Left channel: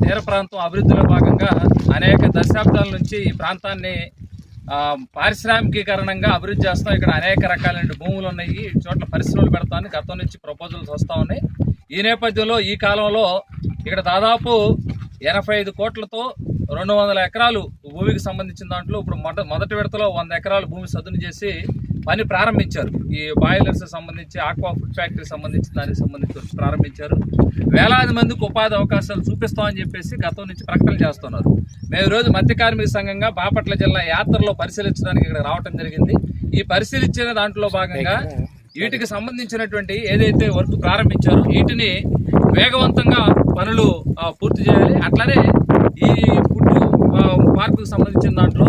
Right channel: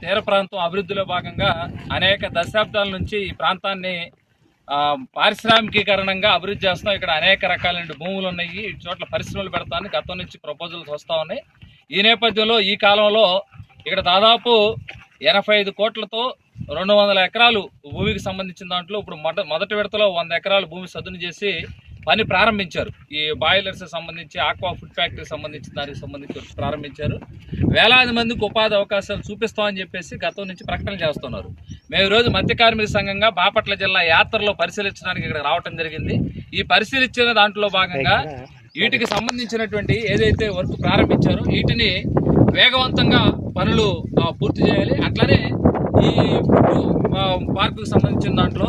తీర ప్రాంతం అభివృద్ధిలో భాగంగా అనేక దశాబ్దాల నుంచి ఈ ప్రాంతాన్ని పారిశ్రామికీకరణంగా అభివృద్ధి చేస్తాం. ఇక్కడ అనేక రకాలైన భూములు ఉన్నాయి. ఈ చోట్ల పరిశ్రమలు పెడతామని గతం నుంచి ప్రపోజల్స్ వస్తూ ఉన్నాయి. ఈ నేపథ్యంలో ఈ కాలంలో ఇక్కడ దాదాపు 85 కోట్లతో 200 ఎకరాలు భూమికి సంబంధించిన దాంట్లో ఇప్పుడు మొదటి విడతలో 100 ఎకరాలు భూమి సదును చేసి పని ప్రారంభించారు. ఈ బాయిలర్స్ సంబంధించి ఆక్వా ఫుడ్ ఫ్యాక్టరీ సంబంధించి దానికి సంబంధించి ప్రారంభించారు. వేలాది మందికి ఉపాధి అవకాశాలు చూపిస్తామని చెప్పేసి గతం నుంచి ప్రకటనలు చేస్తున్నారు. మేము ఈరోజు మత్స్య కార్మిక సంఘంగా బాపట్ల జిల్లా యాత్రలో పరిశీలించడానికి ఇక్కడ రావటం జరిగింది. ఈ పరిశీలించిన దాంట్లో భాగంగా వీటికి సంబంధించినటువంటి ఏదైతే వర్క్ ప్రారంభించారో వీటిని వేగవంతంగా పనులు పూర్తి చేయాలి. అట్లానే ఈ పార్కుకు సంబంధించిన దాంట్లో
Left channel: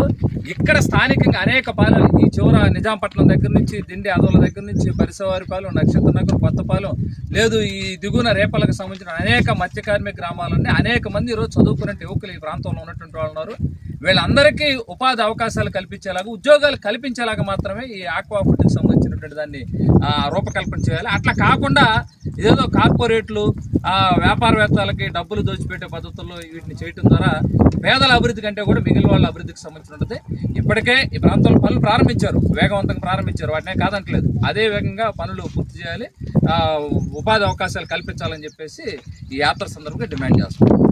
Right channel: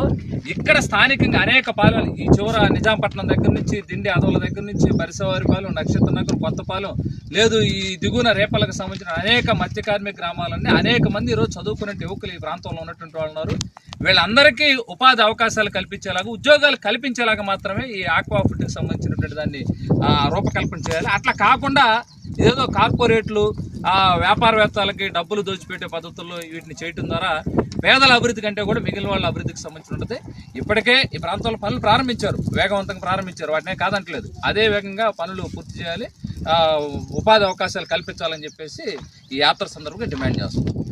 ఇక్కడ స్థానికంగా అనేక పాలెలు ఈ చివర నిజాంపట్నం దగ్గర నుంచి దిండి అదవుల దగ్గర నుంచి పరిసవారిపాలెం, నక్షత్రనగర్, కొత్తపాలెం లేదు ఈ దిగువన రేపలకు సంబంధించిన అనేక మత్స్య కార్మిక గ్రామాలన్నీ అనేక మంది ఈరోజు చదువుకునే యువకులు ఈ ప్రాంతంలో ఉన్నటువంటి వాళ్ళు ఉన్నారు. వీళ్ళందరికీ ఉపాధి అవకాశాలు కల్పించేలాగా, ఉద్యోగాలు కల్పించేలాగా మాత్రమే ఈ ఆక్వా ఫుడ్కి సంబంధించినటువంటి దాన్ని రూపకల్పన చేయాలి. అట్లా కాకుండా ఏదో కార్పొరేట్లు వ్యాపారవేత్తలకి డబ్బులు దోచిపెట్టే పద్ధతుల్లో వీటిని చేయడం ద్వారా పేదల అభివృద్ధి కంటే కూడా మిగిలిన వాళ్ళ అభివృద్ధికి సంబంధించి ఉంటుంది. ఇప్పటికే ఈ ప్రాంతంలో పనులు ప్రారంభించారు, వేగవంతంగా ప్రారంభించారు, వాటినే కాదంటలేదు. అదే వేగంగా పనులు పూర్తి చేయాలి, ఉపాధి అవకాశాలు కల్పించాలని చెప్పేసి ఈ యాత్ర సందర్భంగా డిమాండ్ చేస్తున్నాం.